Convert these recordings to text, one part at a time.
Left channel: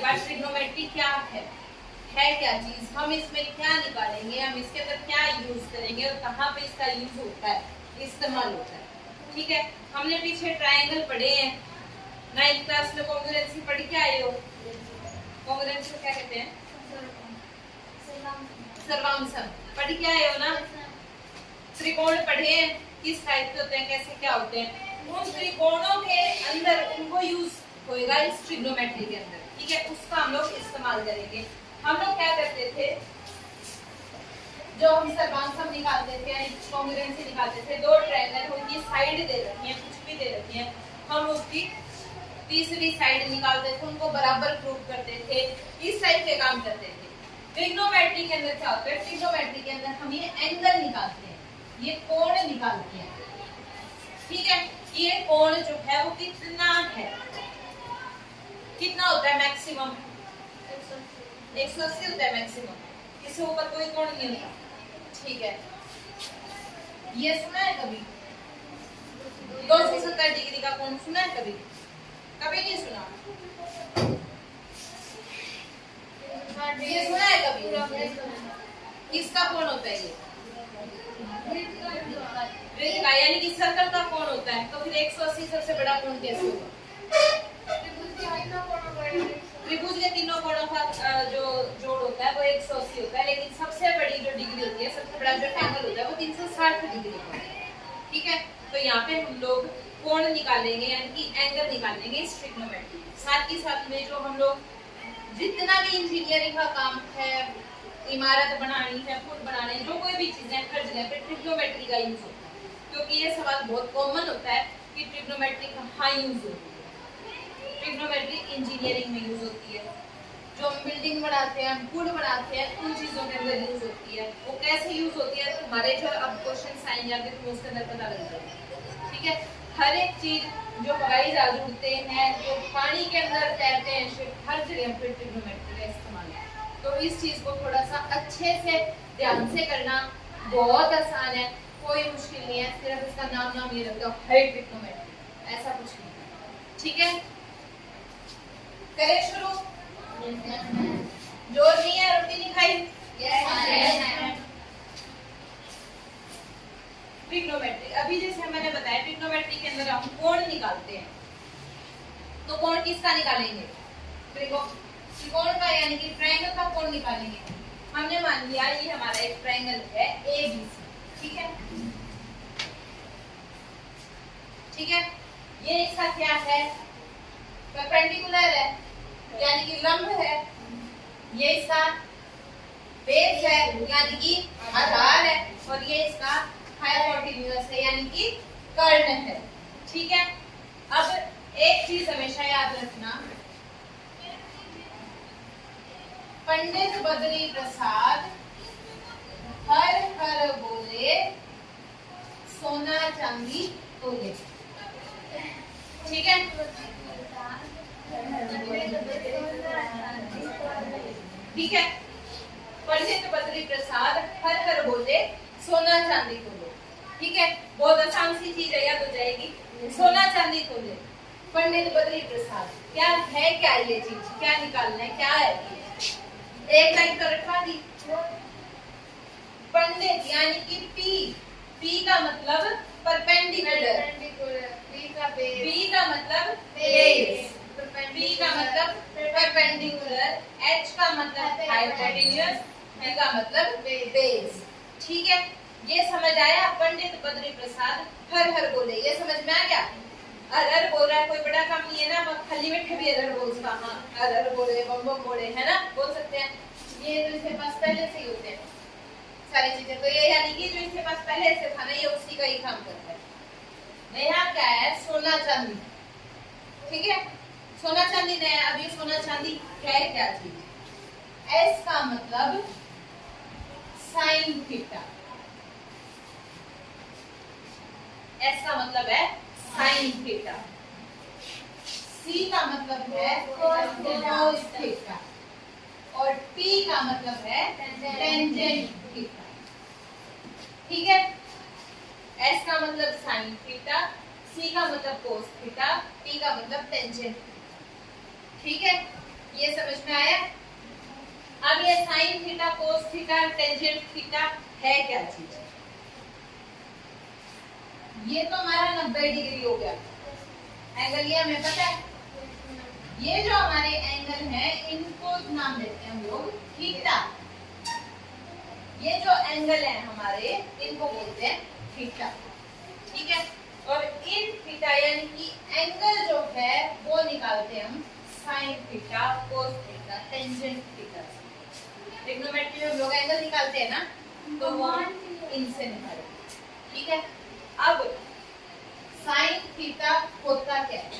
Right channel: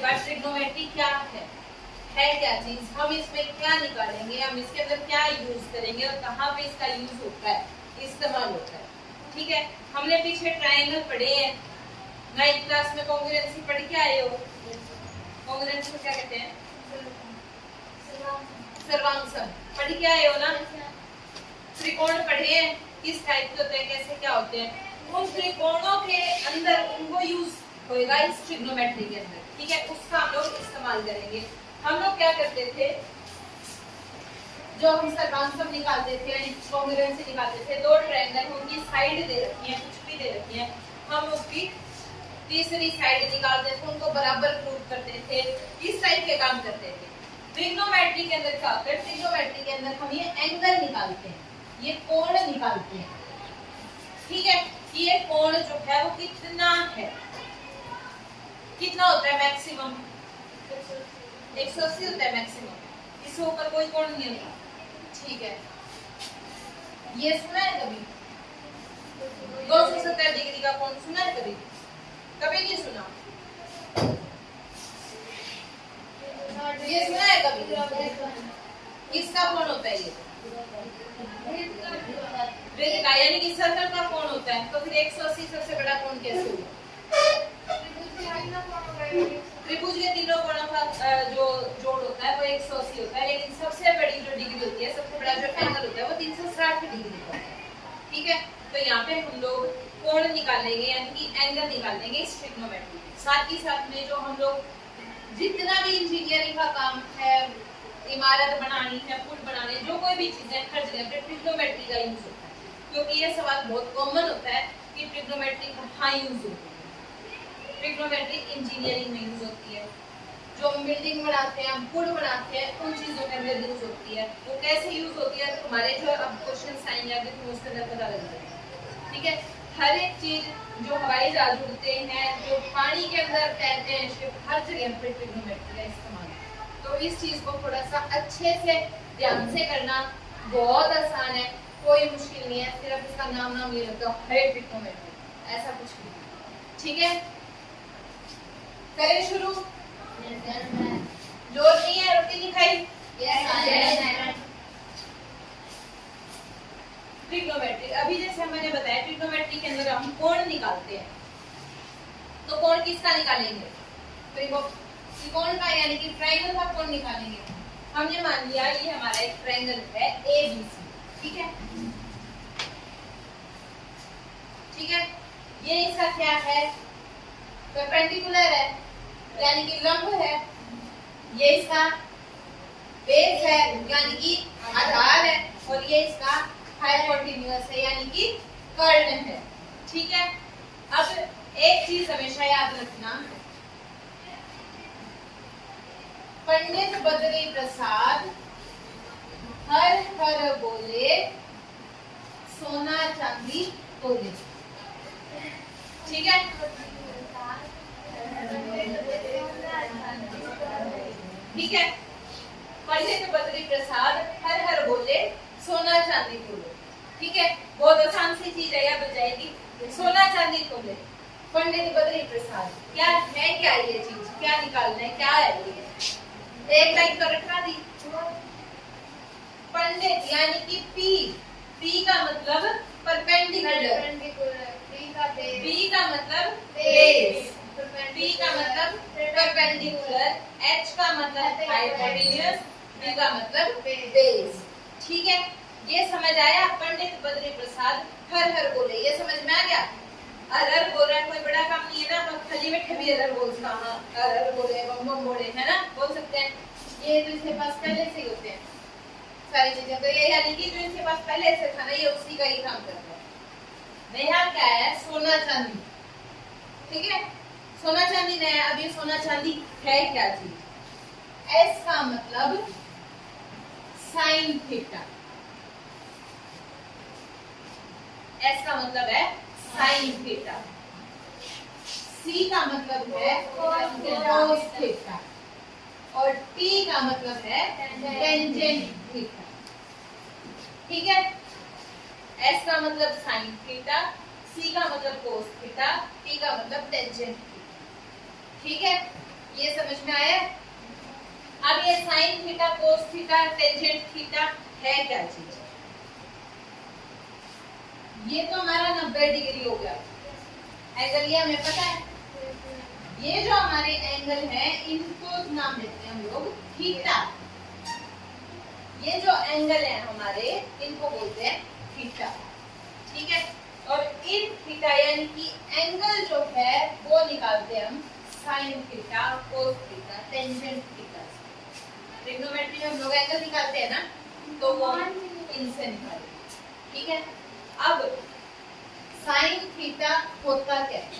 जाएगा ट्रिग्नोमेट्री क्या है क्या चीज, हम इसमें क्या निकालेंगे, हम इसके अंदर क्या यूज करेंगे और कहाँ पे इसका यूज होता है, इस्तेमाल होता है। ठीक है, हमने पीछे ट्रायंगल पढ़े हैं, 9th क्लास में कॉन्ग्रुएंसी पढ़ के आए हो। कॉन्ग्रुएंसी को क्या कहते हैं? सर्वांगसम पढ़ के आए हो ना। त्रिकोण पढ़े हैं, किस टाइप के होते हैं, कैसे क्या होते हैं, उन त्रिकोणों के अंदर उनको यूज होएगा इस ट्रिग्नोमेट्री के अंदर। ठीक है, उसका हम लोग इस्तेमाल करेंगे। हम लोग क्या करते थे, जो हम सर्वांगसम निकालते थे यानी कॉन्ग्रुएंसी निकालते थे, दो ट्रायंगल उनकी साइड दे रखी है, कुछ भी दे रखी है, हम उसकी तीसरी साइड निकालते थे, उनको बराबर प्रूव करते थे, इस टाइप के काम करते थे। ट्रिग्नोमेट्री के अंदर क्या होता है, ट्रिग्नोमेट्री के अंदर हम ये एंगल निकालते हैं, ये कोण निकालते हैं। ठीक है, ये कोण जो है वो कितना है, कितना होता है मैक्सिमम, 180 होता है मैक्सिमम, इससे ऊपर कोई कोण नहीं होता। ठीक है, ये सुना है कभी 270 डिग्री का कोण सुना है कभी? कभी नहीं सुना। ये सुना है कभी? किसका कोण होता है ये? वृत्त का, यानी कि सर्कल का कोण होता है। तो फिर 180 सबसे बड़ा कोण कैसे होगा? त्रिभुज के तीनों कोणों का जो जोड़ होता है वो 180 होता है, लेकिन सबसे बड़ी जो डिग्री होती है, सबसे बड़ा जो एंगल होता है वो 360 डिग्री का होता है। ठीक है, तो यहाँ पे हम लोग कोण निकालेंगे यानी कि एंगल निकालेंगे इस ट्रिग्नोमेट्री। साथ ही साथ में जो हम लोग जितना भी इंजीनियरिंग का काम है, इमारत बनानी है, पुल बनाने, जो कोई भी चीजें हर जगह पे ट्रिग्नोमेट्री का यूज होता है, क्योंकि ये सवाल बहुत कॉमन होता है कि ट्रिग्नोमेट्री कहाँ यूज होती है। ट्रिग्नोमेट्री इंजीनियरिंग में यूज होती है, जो हम बिल्डिंग बनाते हैं, पुल बनाते हैं, उन चीजों के अंदर यूज होती है। वो कैसे यूज होती है, तो हमारे जो अब क्वेश्चन आएंगे आगे तो उसके अंदर पता लग जाएगा। ठीक है, हर एक चीज जो हवाई जहाज उड़ते हैं, जो पानी के अंदर तैरते हैं शिप, हर जगह पे ट्रिग्नोमेट्री का इस्तेमाल है। तो इस चीज को थोड़ा सा अच्छे से ध्यान से करना, बहुत आसान है, कोई मुश्किल नहीं है, सिर्फ इसका नाम ये रख दो, ट्रिग्नोमेट्री, ऐसा कुछ नहीं। ठीक है, करें शुरू? जोर नहीं है, रोटी नहीं खाई? ट्रिग्नोमेट्री, अभी जैसे मैंने बताया ट्रिग्नोमेट्री के अंदर हम कोण निकालते हैं, तो कोण किसका निकालेंगे? त्रिकोण का, यानी कि ट्रायंगल का कोण निकालेंगे। हमने मान लिया ये हमारा एक ट्रायंगल है ABC। ठीक है, ठीक है, ये इसका क्या है, परपेंडिकुलर है यानी कि लंब है, ये इसका बेस है यानी कि आधार है, और ये इसका हाइपोटेन्यूज है यानी कि कर्ण है। ठीक है, अब एक चीज हमेशा याद रखना, पंडित बद्री प्रसाद हर हर बोले सोना चांदी तोले। ठीक है, ठीक है, पंडित बद्री प्रसाद हर हर बोले सोना चांदी तोले। ठीक है, बहुत आसान सी चीज है, याद हो जाएगी, सोना चांदी तोले। पंडित बद्री प्रसाद क्या है, क्या ये चीज, क्या निकालना है, क्या है ये? एक लाइन तो रखवा दी। पंडित यानी कि पी का मतलब परपेंडिकुलर, बी का मतलब बेस, बी का मतलब परपेंडिकुलर, एच का मतलब हाइपोटेन्यूज, बी का मतलब बेस। ठीक है, ये समझ आया? पंडित बद्री प्रसाद हर हर बोले, ये समझ में आ गया? अरहर बोल रहा है, कोई बड़ा काम नहीं है ना, खाली मीठे भी अरहर बोल सकता, हाँ अरहर बोले, बम बम बोले, है ना, बोल सकते हैं। ये तो इसके पास पहले से ही होते हैं सारी चीजें, तो ये यानी कि जो इसके पास पहले से था ना, ये उसी का ही काम करता है। नया क्या है, सोना चांदी। ठीक है, सोना चांदी नया। अब ये सोना चांदी है क्या चीज? एस का मतलब साइन थीटा, एस का मतलब है साइन थीटा, सी का मतलब है कोस थीटा, और टी का मतलब है टेंजेंट थीटा। ठीक है, एस का मतलब साइन थीटा, सी का मतलब कोस थीटा, टी का मतलब टेंजेंट थीटा। ठीक है, ये समझ में आया? अब ये sine theta, cos theta, tangent theta है क्या चीज? ये तो हमारा 90 डिग्री हो गया एंगल, ये हमें पता है। ये जो हमारे एंगल हैं इनको नाम देते हैं हम लोग थीटा। ये जो एंगल है हमारे इनको बोलते हैं थीटा, ठीक है। और इन थीटा यानी कि एंगल जो है वो निकालते हैं हम sine theta, cos theta, tangent theta. Trigonometry में हम लोग एंगल निकालते हैं ना, तो वो इनसे निकालते हैं, ठीक है। अब साइन थीटा होता क्या है?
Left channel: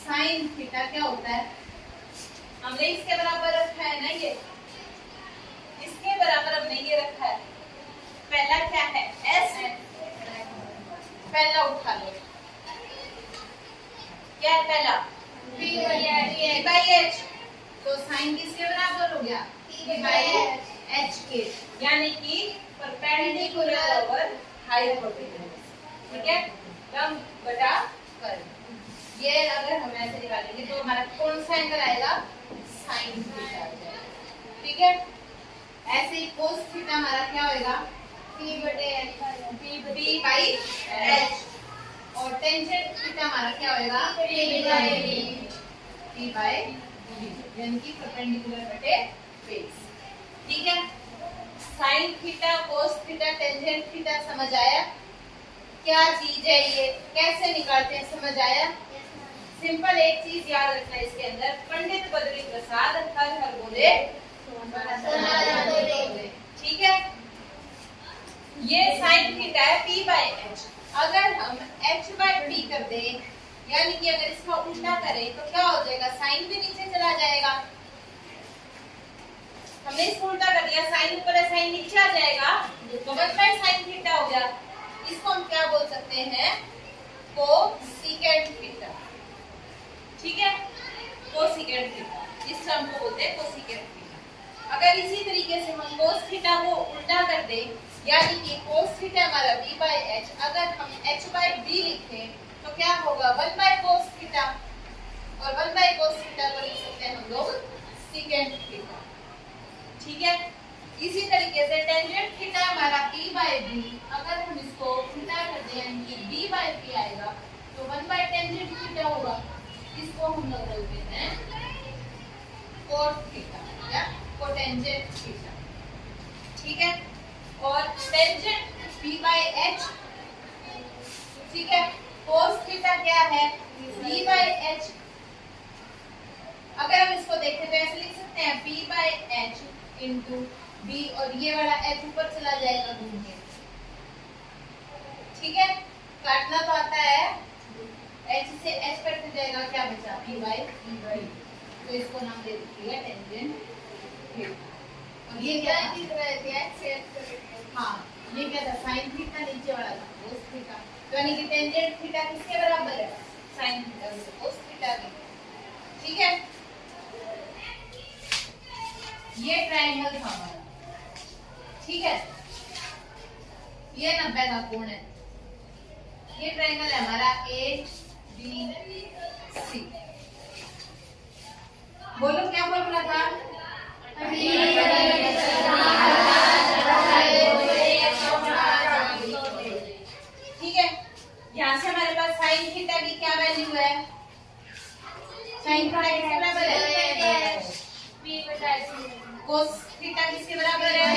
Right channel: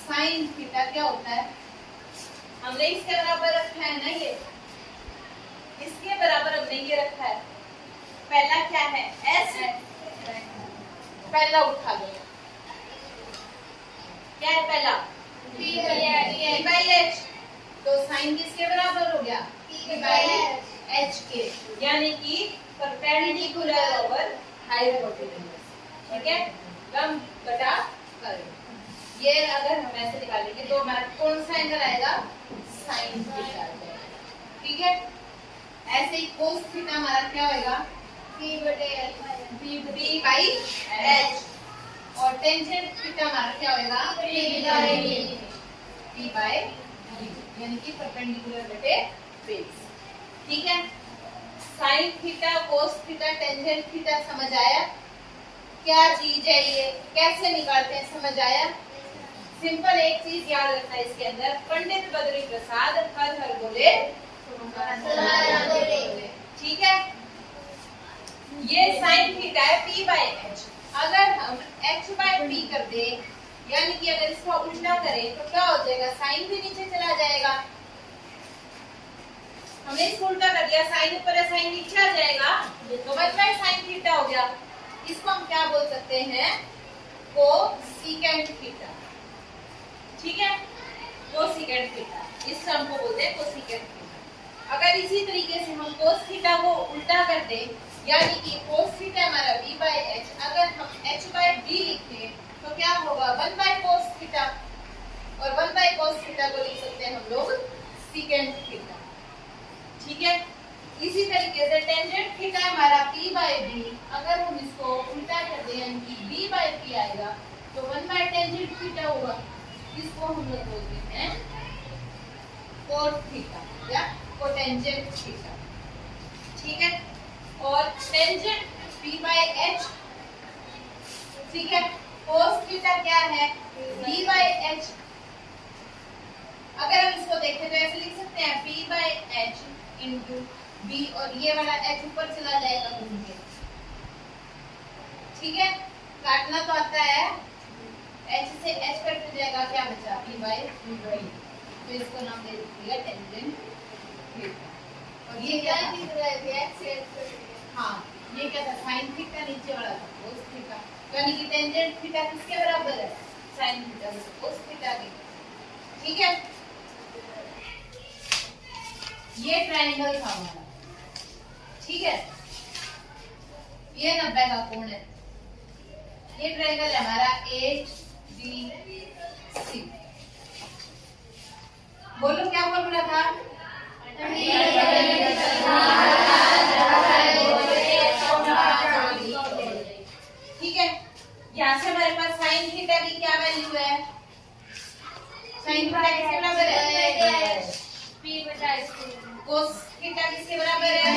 साइन थीटा क्या होता है? हमने इसके बराबर रखा है ना, ये इसके बराबर हमने ये रखा है। पहला क्या है? एस है, पहला उठा लो, क्या है पहला? P by H। तो साइन किसके बराबर हो गया? P by H के, यानी कि परपेंडिकुलर ओवर हाइपोटेन्यूज, ठीक है। कम बटा कर, ये अगर हम ऐसे निकालेंगे तो हमारा कौन सा एंगल आएगा? साइन थीटा आ जाएगा, ठीक है। ऐसे ही कोस थीटा हमारा क्या होएगा? P by H। और टेंजेंट थीटा हमारा क्या होएगा? P by D, यानी कि परपेंडिकुलर बटे बेस, ठीक है। Sine theta, cos theta, tangent theta समझ आया? क्या चीज है ये, कैसे निकालते हैं, समझ आया? सिंपल एक चीज याद रखना है इसके अंदर, पंडित बद्री प्रसाद हर हर बोले, ठीक है। ये साइन थीटा है P by H। अगर हम H by P कर दे, यानी कि अगर इसको उल्टा करें तो क्या हो जाएगा? साइन भी नीचे चला जाएगा। हमने इसको उल्टा कर दिया, साइन ऊपर है साइन नीचे आ जाएगा, तो 1 by sin थीटा हो गया। इसको हम क्या बोल सकते हैं? कोसेकेंट थीटा, ठीक है। कोसेकेंट थीटा, इस टर्म को बोलते हैं कोसेकेंट थीटा। अगर इसी तरीके से हम कोस थीटा को उल्टा कर दे, यानी कि कोस थीटा हमारा V by H, अगर हम H by D लिखें तो क्या होगा? 1 by cos थीटा, और 1 by cos थीटा को लिख सकते हैं हम लोग सेकेंट थीटा, ठीक है। इसी तरीके से टेंजेंट थीटा हमारा P by D, अगर हम इसको उल्टा कर दें यानी कि D by P आएगा तो 1 by टेंजेंट थीटा होगा। इसको हम लोग बोलते हैं कोट थीटा या कोटेंजेंट थीटा, ठीक है। और टेंजेंट P by H, ठीक है। कोस थीटा क्या है? V by H। अगर हम इसको देखें तो ऐसे लिख सकते हैं P by H into B, और ये वाला H ऊपर चला जाएगा घूम के, ठीक है। काटना तो आता है, H से H कट जाएगा, क्या बचा? P by D। तो इसको नाम दे दीजिएगा टेंजेंट थीटा। और ये क्या था? हाँ, ये क्या था? साइन थीटा, नीचे वाला था कोस थीटा, यानी कि टेंजेंट थीटा किसके बराबर है? साइन थीटा को कोस थीटा के, ठीक है। ये ट्रायंगल था हमारा, ठीक है। ये 90 का कोण है। ये ट्रायंगल है हमारा ABC। बोलो क्या फॉर्मूला था? ठीक है। यहाँ से हमारे पास साइन थीटा की क्या वैल्यू है? साइन थीटा किसके बराबर है? कोस थीटा किसके बराबर है?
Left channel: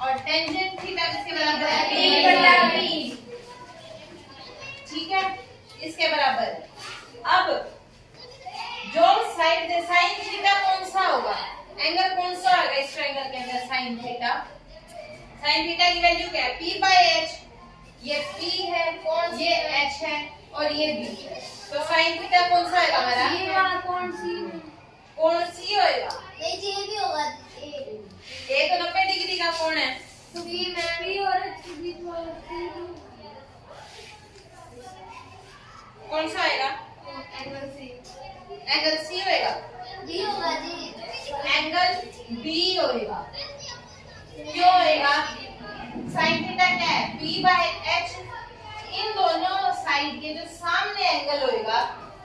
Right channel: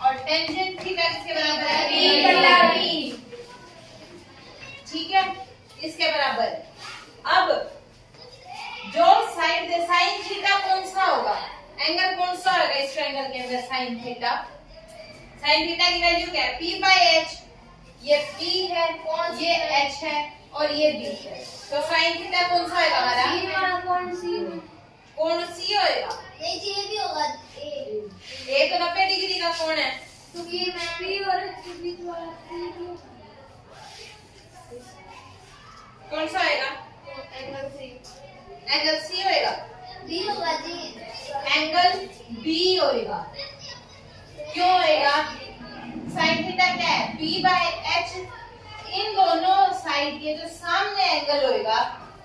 और टेंजेंट थीटा किसके बराबर है? ठीक है, इसके बराबर है। अब जो साइड साइन थीटा कौन सा होगा? एंगल कौन सा होगा इस ट्रायंगल के अंदर? Sine theta. साइन थीटा की वैल्यू क्या है? P by H। ये P है, ये H है और ये B है। तो साइन थीटा कौन सा होगा हमारा? कौन सी होएगा? ये भी होगा। ये तो 90 डिग्री का कोण है, तो ये P और H के बीच वाला C कौन सा आएगा? Angle C। एंगल C होएगा। D होगा जी। एंगल B होएगा। क्यों होएगा? साइन थीटा क्या है? P by H। इन दोनों साइड के जो सामने एंगल होएगा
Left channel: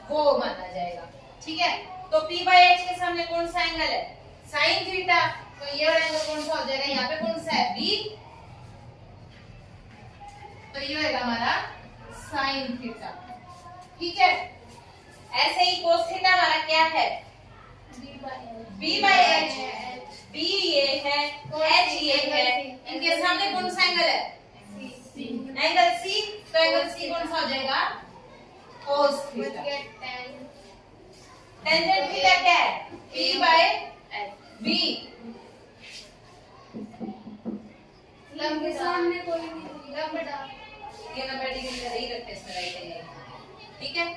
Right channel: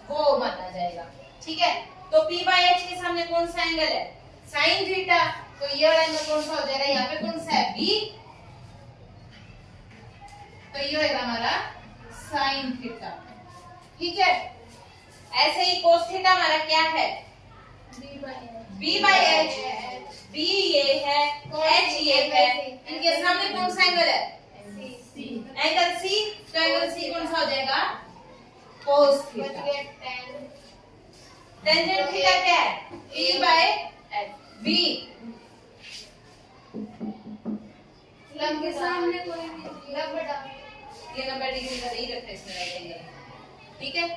वो माना जाएगा। ठीक है, तो P बाय H के सामने कौन सा एंगल है? Sine theta. तो ये वाला एंगल कौन सा हो जाएगा? यहाँ पे कौन सा है? B। तो ये होगा हमारा साइन थीटा। ठीक है, ऐसे ही कोस थीटा हमारा क्या है? B bye H। B ये है, H ये है, इनके सामने कौन सा एंगल है? Angle C। तो एंगल C कौन सा हो जाएगा? Cos theta. टेंजेंट थीटा क्या है? P by B। लंब के सामने कोई भी लंब ये 90 डिग्री का ही रखते हैं इसमें राइट एंगल। ठीक है,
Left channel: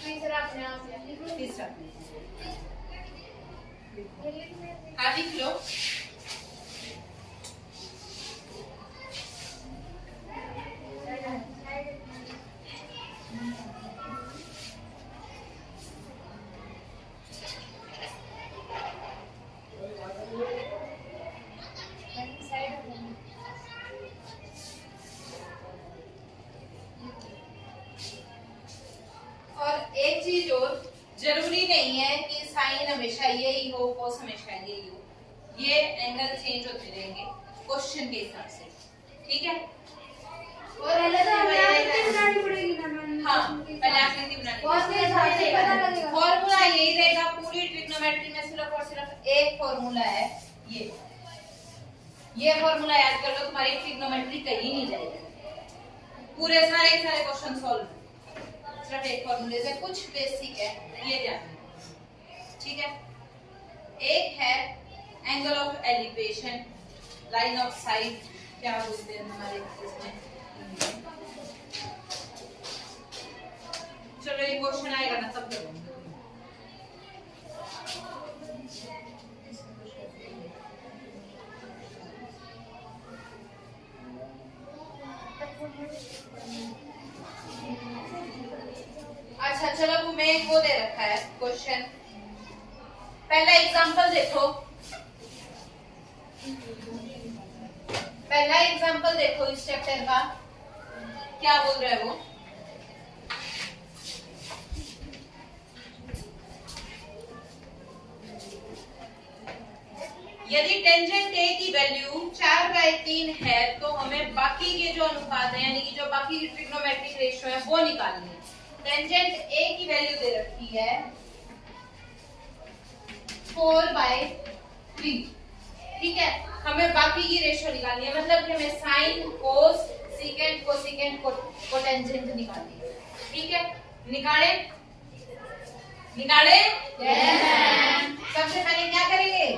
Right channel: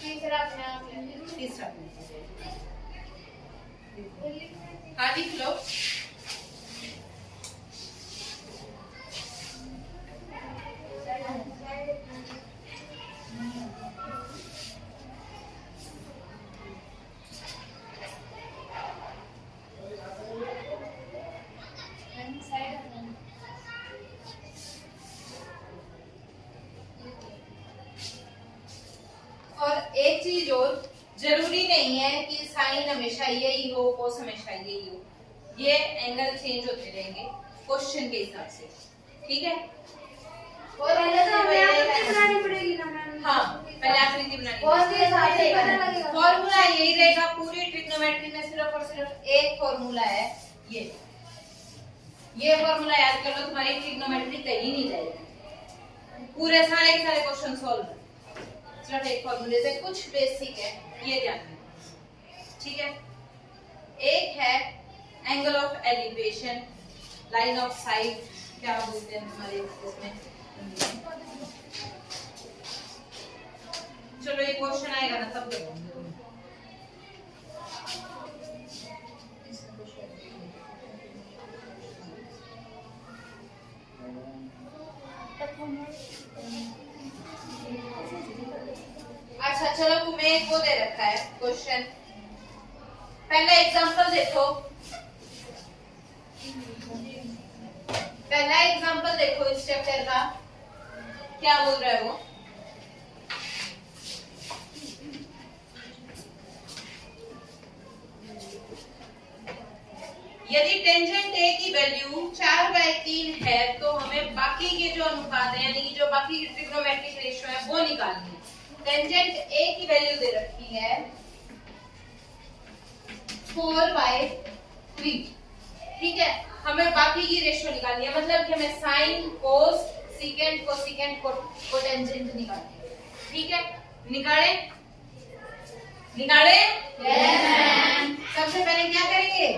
तीसरा अपने आप ले लीजिए। तीसरा हाँ लिख लो। और एक चीज और, जरूरी नहीं है कि साइन हमेशा यही हो, कोस हमेशा यही हो। ये एंगल चेंज होते रहेंगे क्वेश्चन के हिसाब से। ठीक है, और पहले तो हमें आकृति बनानी पड़ेगी ना मैम। हाँ पहले आकृति बनानी कौन से हिसाब से पता लगेगा? फॉर्मूला यही रहेगा पूरी ट्रिग्नोमेट्री में, सिर्फ और सिर्फ एक फॉर्मूला है ये फॉर्मूला याद कर लो, तुम्हारी ट्रिग्नोमेट्री कहीं नहीं जाएगी। पूरे सारे क्वेश्चन सॉल्व सिर्फ एक फॉर्मूले से, कुछ बेसिक है ये जानना। ठीक है, एक है angle of elevation, line of site क्या बोलते हैं हमारे इसमें। चलो एक क्वेश्चन आएगा ना तब बताऊंगी। अच्छा चलो, तुम्हें एक वो दे रखा है क्वेश्चन। पहला एग्जांपल देखो, पहला एग्जांपल देखो इस चैप्टर का क्या बोल रहा है वो। यदि टेंजेंट ए की वैल्यू 4/3 है तो हमें बाकी के जो अनुपात है यानी कि जो बाकी की ट्रिग्नोमेट्रिक रेशियो है वो निकालनी है। टेंजेंट ए की वैल्यू दे रखी है 4/3। ठीक है, हमें बाकी की रेशियो निकालनी है, मतलब कि हमें साइन, कोस, सीकेंट, कोसीकेंट, कोटेंजेंट निकालनी है। ठीक है, निकाले सबसे पहले क्या करेंगे?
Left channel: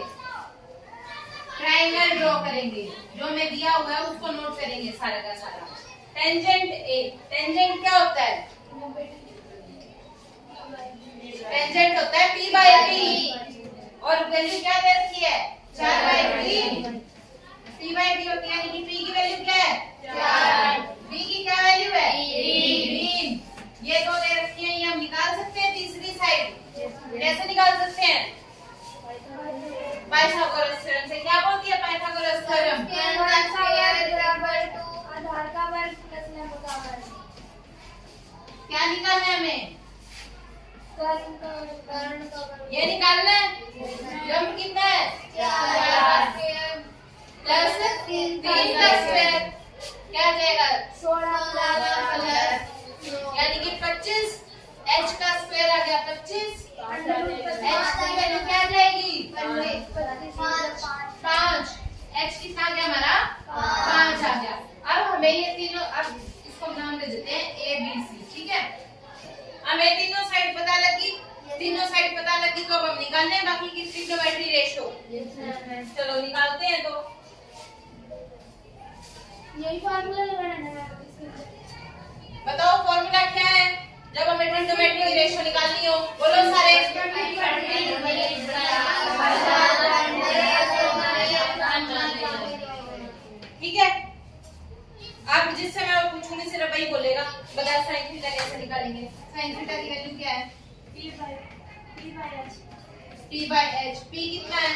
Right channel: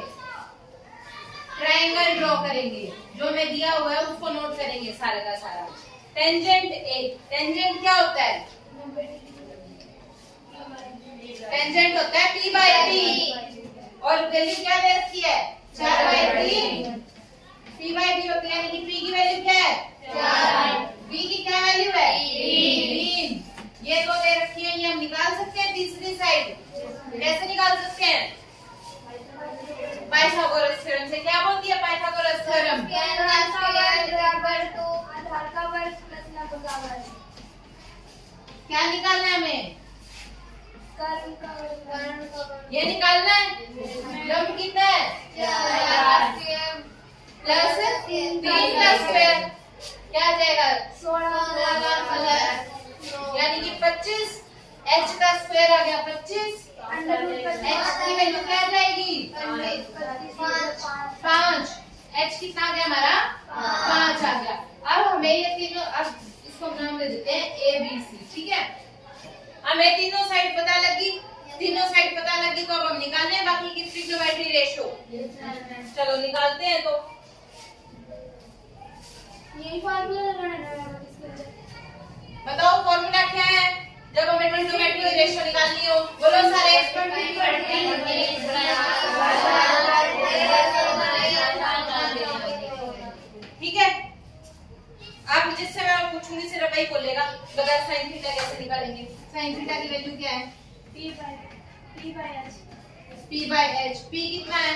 ट्रायंगल ड्रॉ करेंगे, जो मैं दिया हुआ है उसको नोट करेंगे सारा का सारा। टेंजेंट ए, टेंजेंट क्या होता है? टेंजेंट होता है P बाय T और वैल्यू क्या दे रखी है? 4/3। P बाय T होती है यानी कि P की वैल्यू क्या है? 4। B की क्या वैल्यू है? 3। ये दो दे रखी है, ये हम निकाल सकते हैं तीसरी साइड। कैसे निकाल सकते हैं? पाइथागोरस थ्योरम से। क्या बोलती है पाइथागोरस थ्योरम? आधार का वर्ग प्लस लंब का वर्ग। क्या निकालना है हमें? कर्ण का वर्ग। ये निकालना है। लंब कितना है? 4 प्लस 3 का स्क्वायर क्या आ जाएगा? 16 यानी कि 25। h का स्क्वायर आ गया 25। h की वैल्यू क्या आ जाएगी? 5। h कितना आ गया हमारा? 5 आ गया। अब हमें ये तीनों, अब इसको नाम दे देते हैं ए बी सी। ठीक है, हमें तीनों साइड पता लगी, तीनों साइड पता लगी तो अब हम निकालने हैं बाकी की ट्रिग्नोमेट्री रेशियो। चलो निकालते हैं। तो यही फार्मूला लगाना है इसके। बताओ फॉर्मूला क्या है जब हमें ट्रिग्नोमेट्री रेशियो निकालनी हो? बोलो सारे। ठीक है, आप जिससे मैं पूछूंगी सिर्फ वही बोलेगा बगैर साइन थीटा कैसे निकालेंगे। साइन थीटा की वैल्यू क्या है? P by H। P by H। P कितना है?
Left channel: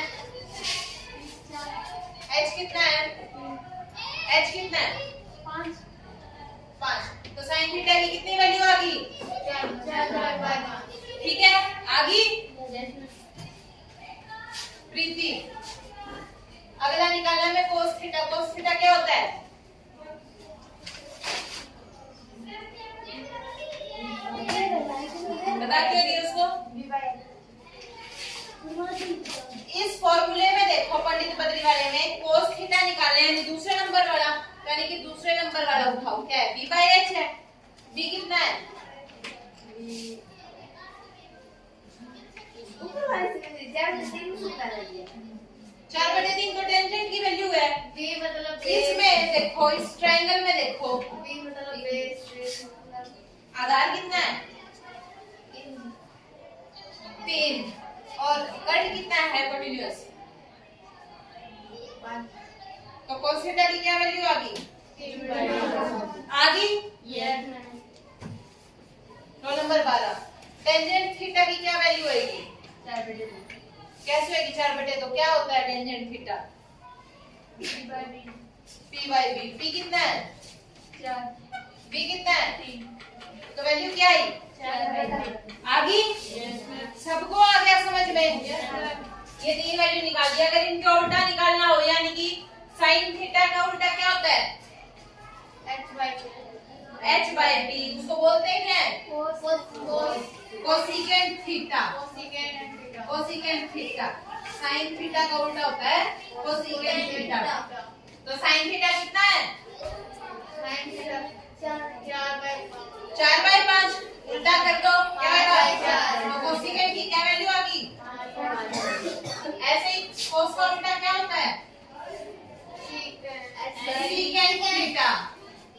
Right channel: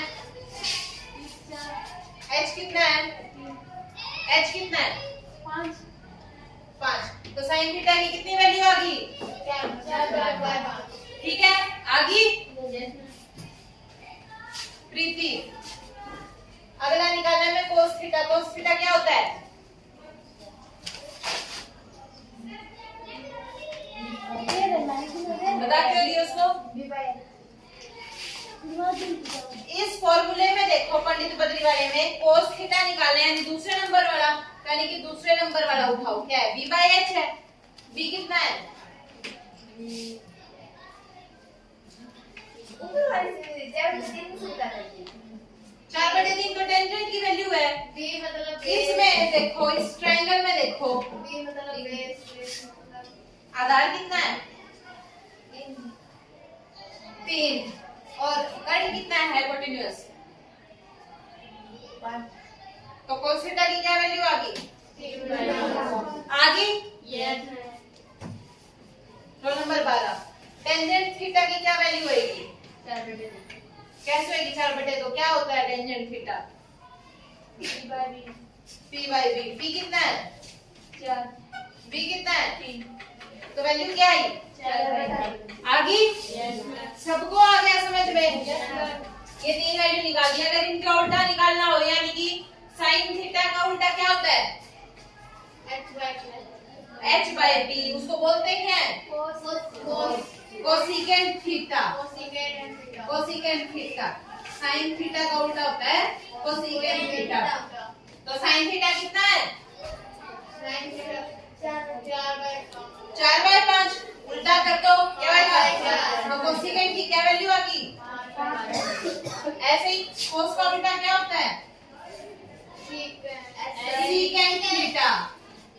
H कितना है? H कितना है? 5। तो साइन थीटा की कितनी वैल्यू आ गई? 4/5। ठीक उल्टा क्यों दी उसको? बी बाय इस फॉर्मूले में देखो पंडित बद्री वाले में cos थीटा निकाले यानी दूसरे नंबर वाला, यानी कि दूसरे नंबर वाला उठाओ, क्या है? b बाय h है। b कितना है? ऊपर वाले से ज्यादा 3 से उतार दिया। 4/3 तो टेंजेंट की वैल्यू है। b मतलब इसमें देखो, इस ट्रायंगल में देखो, b मतलब बेस आधार कितना है? 3 और कर्ण कितना है? हाइपोटेन्यूज। तो cos थीटा की क्या वैल्यू आ गई? आ गई। Roll number 12। टेंजेंट थीटा की क्या वैल्यू आएगी? 4/2 कैसे होगी? 4/2 तो क्या होता है tangent theta? b by b p by b। p कितना है? 4 b कितना है? 3। तो वैल्यू क्या आई? 4/2 आ गई? सबको आ गया समझ में? ये 3 वैल्यू निकाल दिया। अगर इनका उल्टा निकालना हो, यानी कि साइन थीटा का उल्टा क्या होता है? h by b। उसको बोलते हैं क्या है? Cosecant theta. Cosecant theta. Sine theta का उल्टा होता है कोसिकेंट थीटा। तो साइन थीटा कितना है? 4/5। उल्टा कर दो, क्या आएगा? तो कोसिकेंट की क्या वैल्यू आ गई? ऐसे ही कोस का उल्टा क्या होता है? Secant theta.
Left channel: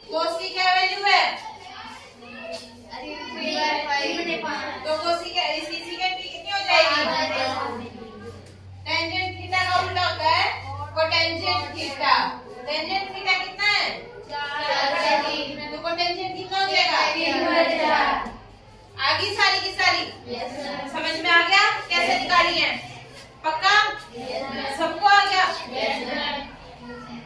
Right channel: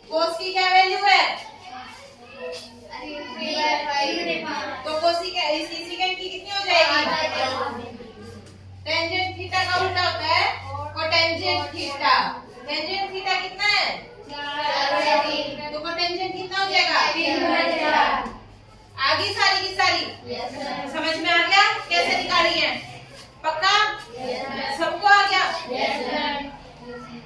कोस की क्या वैल्यू है? तो सीकेंट की कितनी हो जाएगी? टेंजेंट थीटा का उल्टा होता है कोटेंजेंट थीटा। टेंजेंट थीटा कितना है? 4/3। तो कोटेंजेंट कितना हो जाएगा? 3/4। आगे सारी की सारी समझ में आ गया कैसे निकाली है? पक्का? सबको आ गया?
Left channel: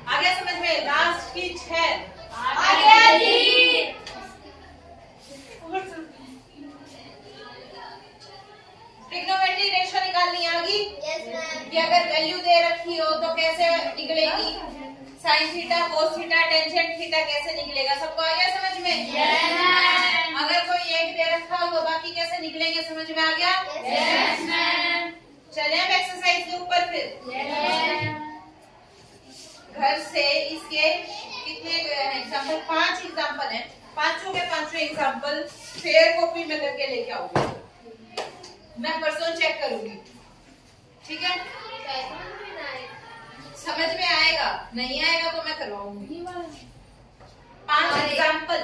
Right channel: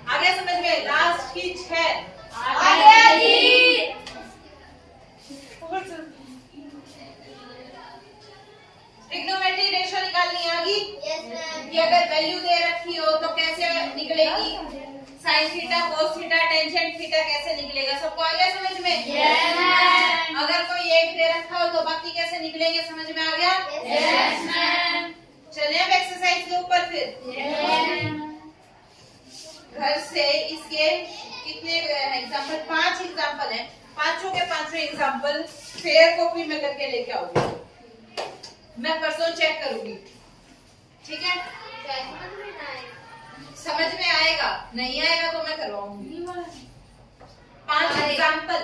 आ गया समझ में? लास्ट की 6 आ गया जी। ट्रिग्नोमेट्री रेशियो निकालनी आ गई कि अगर वैल्यू दे रखी हो तो कैसे निकलेगी? Sine theta, cos theta, tangent theta कैसे निकलेगा? सबको आ गया समझ में? अगर कोई एक दे रखा हो तो बाकी कैसे निकलेंगे? समझ में आ गया? चलिए अब एक्सरसाइज के ऊपर फिर घर से इसके कितने एग्जाम्पल? 5 एग्जाम्पल हैं। पांचों के पांचों एग्जाम्पल फेयर कॉपी में करके लेके आओगे। मैं परसों चेक करूंगी, ठीक है? समझ में आएगा? नहीं आएगा तो मैं करवाऊंगी। 5 एग्जाम्पल,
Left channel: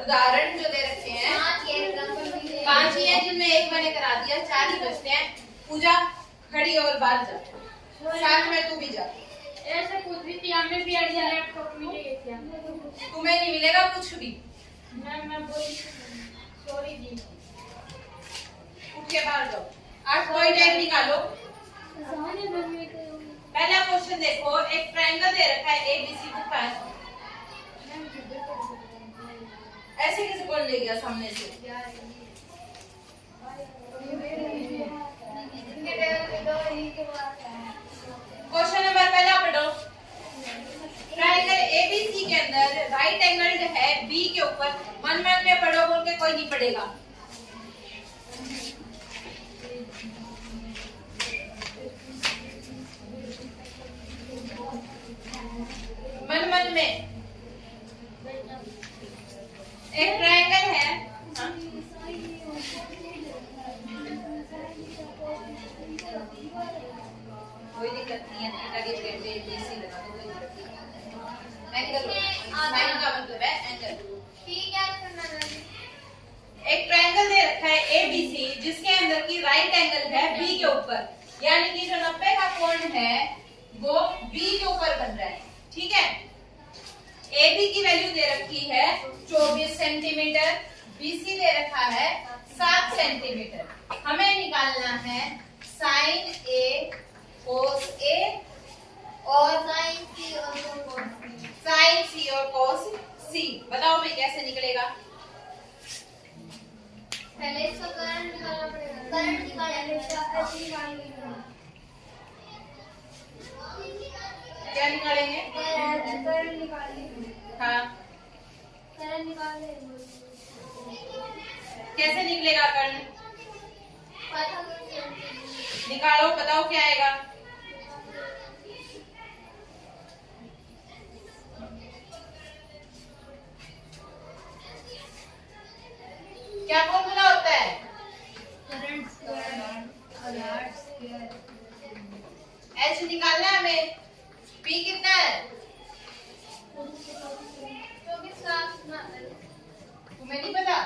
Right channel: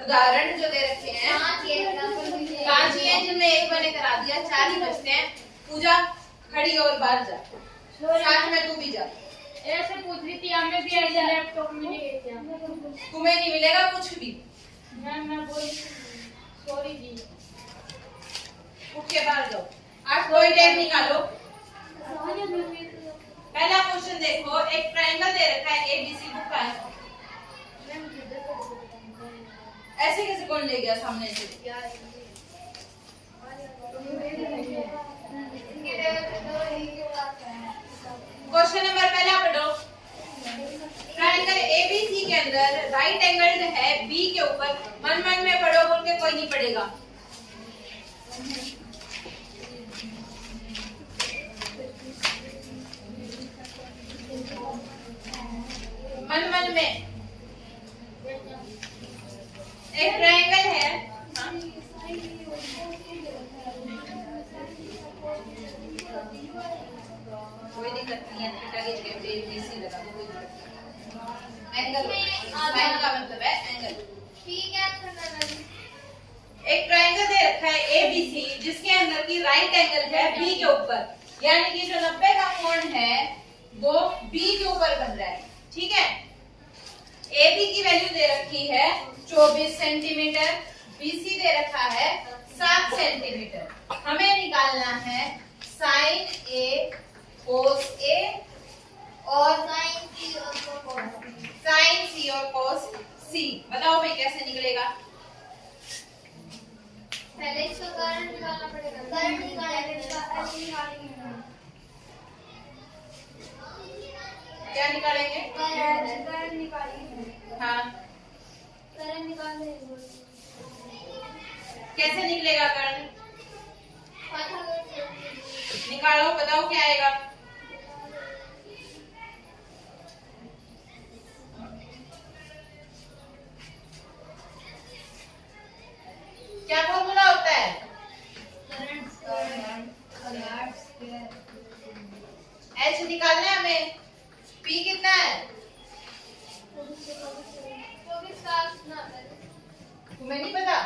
उदाहरण जो दे रखे हैं 5 ही हैं, जिनमें एक मैंने करा दिया। 4 ही बचते हैं। पूजा खड़ी और बाहर जा, साथ में तू भी जा। ऐसे पूछ रही थी, हमें भी आइडिया लैपटॉप मिलेगा क्या? तुम्हें नहीं मिलेगा कुछ भी। मैं बोल सॉरी जी। उठ के बाहर जाओ। 8 कोई डेट निकालो। मैं पहला क्वेश्चन देखो, एक ट्रायंगल दे रखा है एबीसी बुक का है। ऐसे कैसे कौन ले गया सामने से? क्वेश्चन नंबर पहला पढ़ो। ट्रायंगल एबीसी के अंदर राइट एंगल्ड है बी के ऊपर। मन मन में पढ़ो, बोल के कोई नहीं पढ़ेगा। मन मन में एक ट्रायंगल है। कोई दिक्कत नहीं है, थीटा की जगह पे बीसी लगा दो, कोई दिक्कत नहीं। एंगल, साइन का मतलब है एंगल। ठीक है। एक ट्रायंगल दे रखा है एबीसी, जिसके अंदर की राइट एंगल है बी के ऊपर, यानी कि जो 90 का कोण है वो बी के ऊपर बन रहा है, ठीक है? AB की वैल्यू दे रखी है 24 सेंटीमीटर, BC दे रखा है 7 सेंटीमीटर। हमें निकालना है साइन A कोस A और साइन C और कोस C। बताओ भाई कैसे निकलेगा? पहले इसका करंट निकालना पड़ेगा। करंट निकालेंगे। क्या निकालेंगे? करंट निकालेंगे। हाँ, करंट निकालेंगे। कैसे निकलेगा कर्ण? पाइथागोरस निकालो, बताओ क्या आएगा। क्या फॉर्मूला होता है? एच निकालना है हमें। पी कितना है? तुम्हें नहीं पता?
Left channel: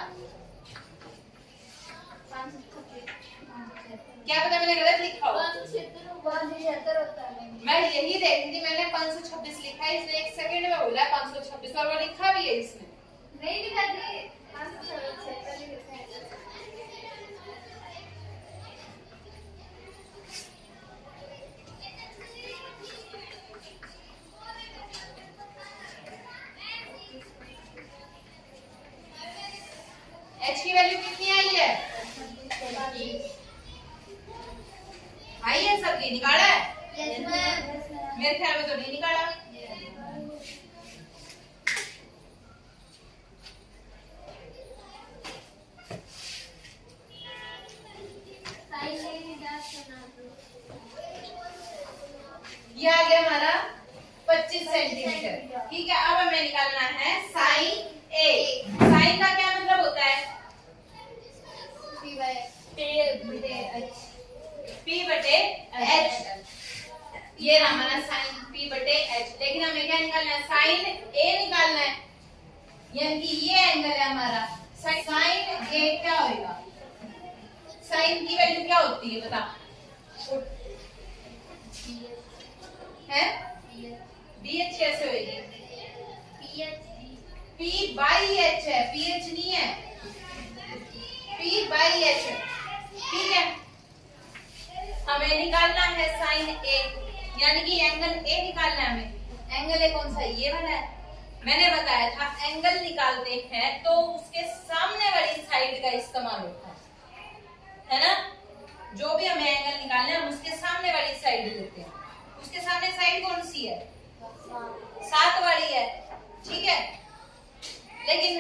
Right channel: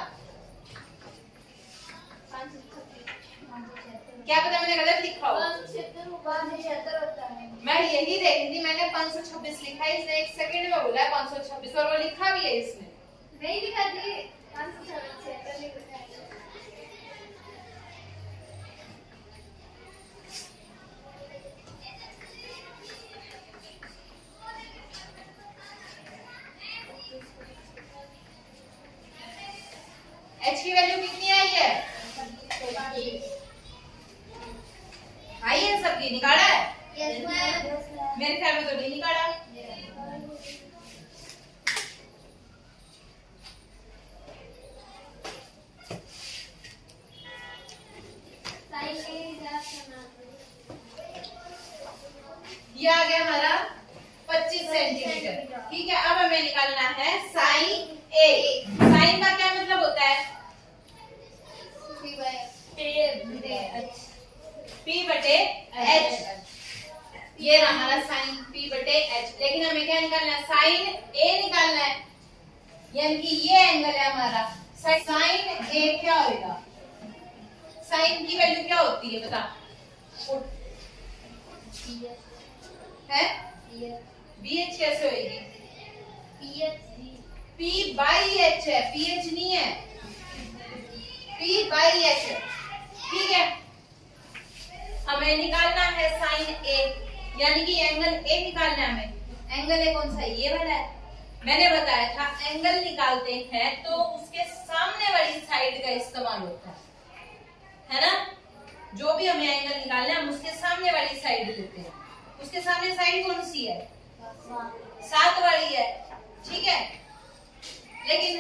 क्या पता मैंने गलत लिखा हो। मैं यही देख रही थी, मैंने 526 लिखा है, इसने 1 सेकंड में बोला है 526 और वो लिखा भी है इसने। नहीं लिखा थी 576 एच की वैल्यू कितनी आई है? आई है सबकी? निकाला है? Yes ma'am. मेरे ख्याल में तो नहीं निकाला। ये आ गया हमारा 25 सेंटीमीटर। ठीक है, अब हमें निकालना है साइन ए। साइन का क्या मतलब होता है? P बटे H। ये हमारा साइन P बटे H। लेकिन हमें क्या निकालना है? साइन A निकालना है, यानी कि ये एंगल है हमारा। साइन A क्या होगा? साइन की वैल्यू क्या होती है बता? है BH कैसे होगी? P बाई H है, PH नहीं है, P बाई H है। ठीक है, हमें निकालना है साइन A, यानी कि एंगल A निकालना है हमें। एंगल A कौन सा? ये वाला है। मैंने बताया था एंगल निकालते हैं तो उसके सामने वाली साइड का इस्तेमाल होता है ना? जो भी हमें एंगल निकालना है हम उसके सामने वाली साइड लेते हैं। उसके सामने साइड कौन सी है? 7 वाली है। ठीक है, लेकिन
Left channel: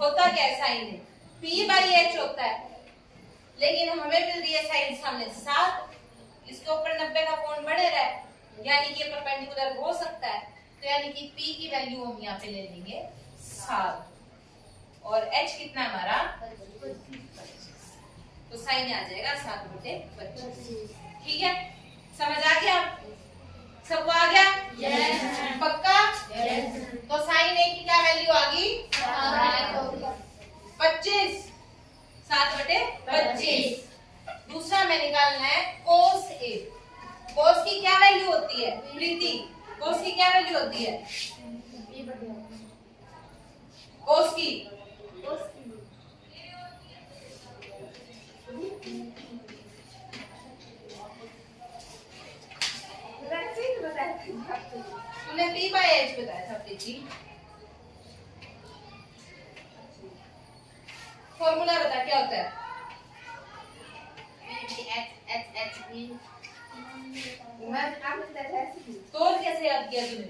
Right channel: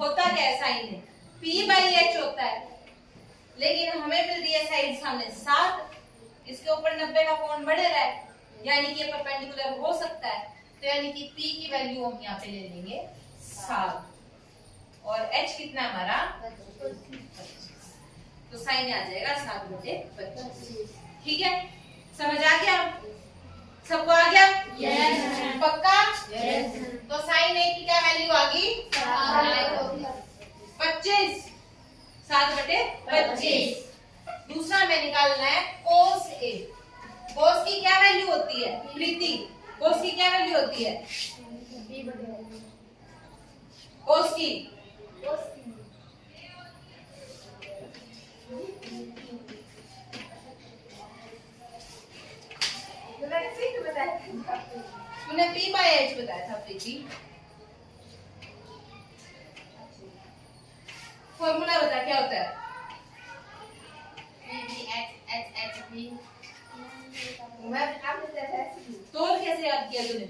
होता क्या है साइन में? P बाई H होता है, लेकिन हमें मिल रही है साइड सामने 7, इसके ऊपर 90 का कोण बढ़ेगा है, यानी कि परपेंडिकुलर हो सकता है। तो यानी कि P की वैल्यू हम यहाँ पे ले लेंगे 7 और H कितना हमारा? 25। तो साइन आ जाएगा 7 बटे 25। ठीक है, समझ आ गया? सबको आ गया? यस। पक्का? यस। तो साइन ए की क्या वैल्यू आ गई? 25। 7 बटे 25। दूसरा हमें निकालना है कोस ए। कोस की क्या वैल्यू होती है प्रीति? कोस की क्या वैल्यू होती है? कोस की तूने P बाय H बताया था प्रीति। फॉर्मूला बता क्या होता है? तो कैसे याद किया तूने?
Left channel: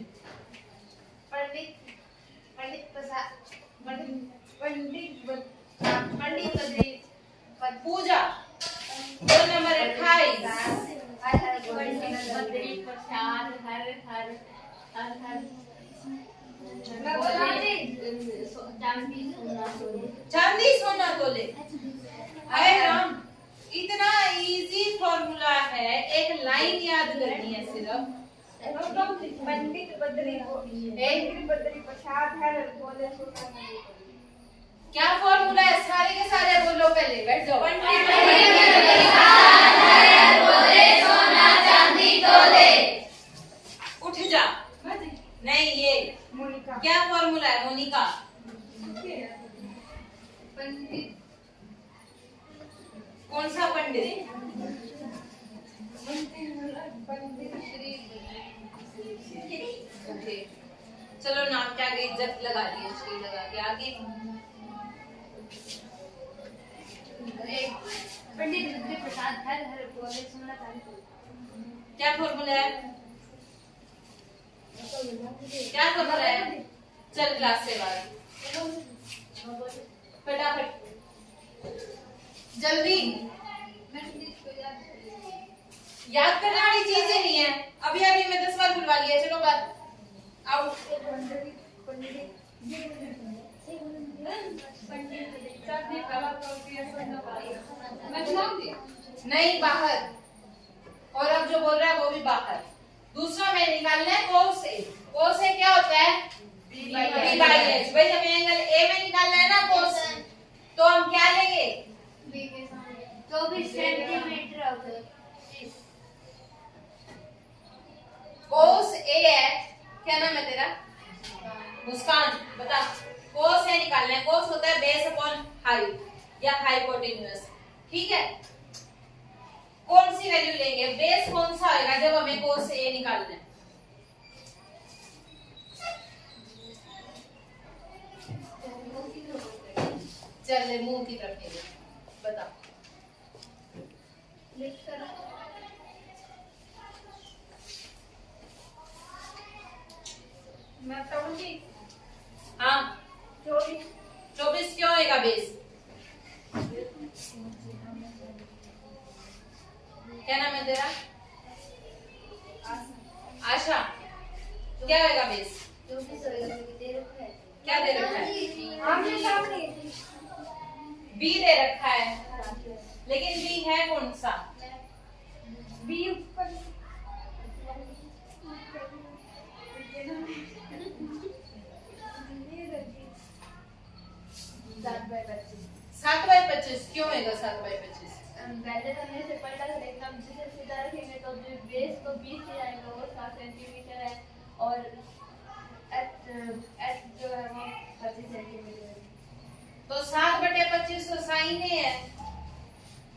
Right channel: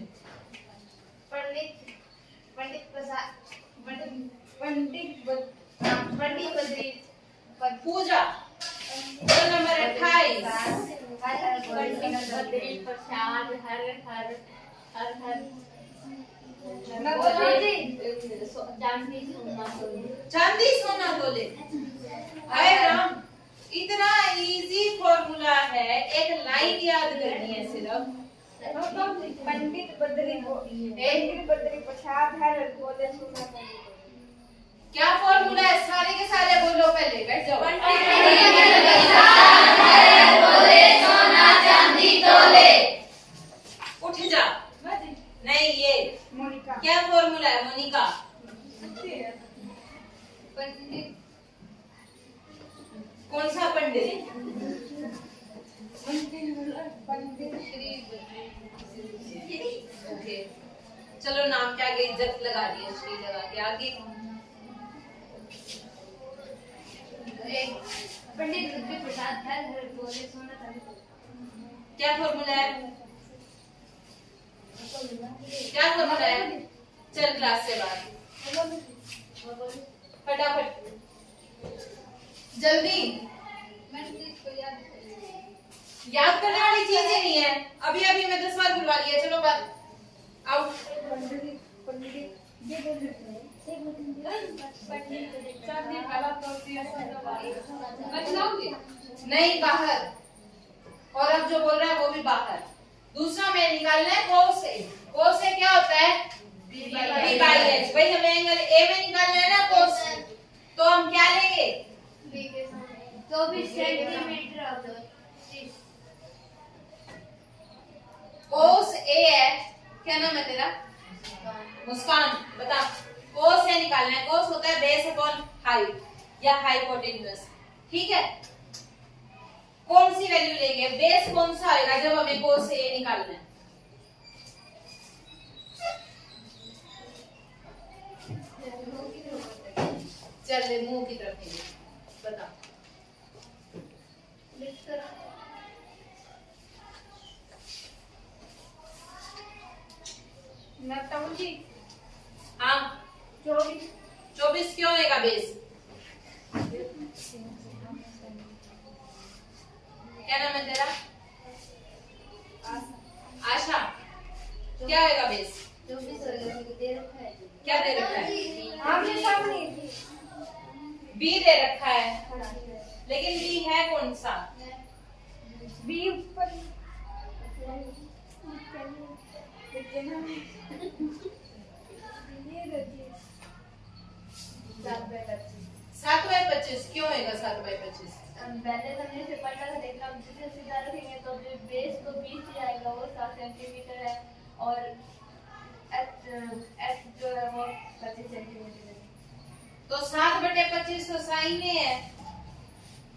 पूजा रोल नंबर 28। चांदी सोना तोले। अरे राम, इतना इजी फॉर्मूला है, एक लाइन याद करनी है सिर्फ। पंडित बद्री प्रसाद है बोले सुना। क्या फॉर्मूला है? सारे के सारे बोलो, पहले बैठ जाओ। उठ जा। नहीं, ये मोनिका क्या फॉर्मूला है मोनिका? पंडित कौन सा पंडित? ओके, चलो नाम क्या गई, इज्जत लगा दी, श्री लगा के आगे। पंडित बद्री प्रसाद हर हर बोले सोना चांदी। क्या फॉर्मूला है? क्या फॉर्मूला है? चल क्लास से बाहर फटाफट। जल्दी, याद करने वाली चीज ही नहीं है। अभी अभी मैं 10 बार बुलवा लिया। चलो बात आओ। नहीं बाहर, और अब जो बोल रहा है वो भी बाहर। दूसरा मैं निकालना है कोस ए। कोस ए क्या होता है? B by H. भाई हमें एंगल ए में निकालना है ना कोस, तो हम क्या लेंगे? 24 सेंटीमीटर। कोस ए है, क्या नाम है तेरा? मुस्कान। बता, कोस ए निकालना है। कोस होता है बेस अपॉन हाइट या हाइपोटेन्यूज। ठीक है, कौन सी वैल्यू लेंगे? बेस कौन सा होगा जब हमें कोस ए निकालना है? चल मुंह की तरफ लेंगे। बता। मैं बताऊंगी। हाँ, 24 क्यों होगा बेस? क्या नाम है तेरा? आशा। क्या होगा बेस? 24 होगा, दे रखा है। क्या दे रखा है? आमने सामने बी दे रखा है, लेकिन बी है कौन सा? बी ऊपर 7/25 क्यों होगा 7/25? पहले हमने से पढ़ा था, लेकिन अब जिसे सीधा रखेंगे तो जो बेस को 20 से आएगा वो 7 सेंटीमीटर है, और एच जो है वो 25 सेंटीमीटर है। तो 7/25 तो साइन है।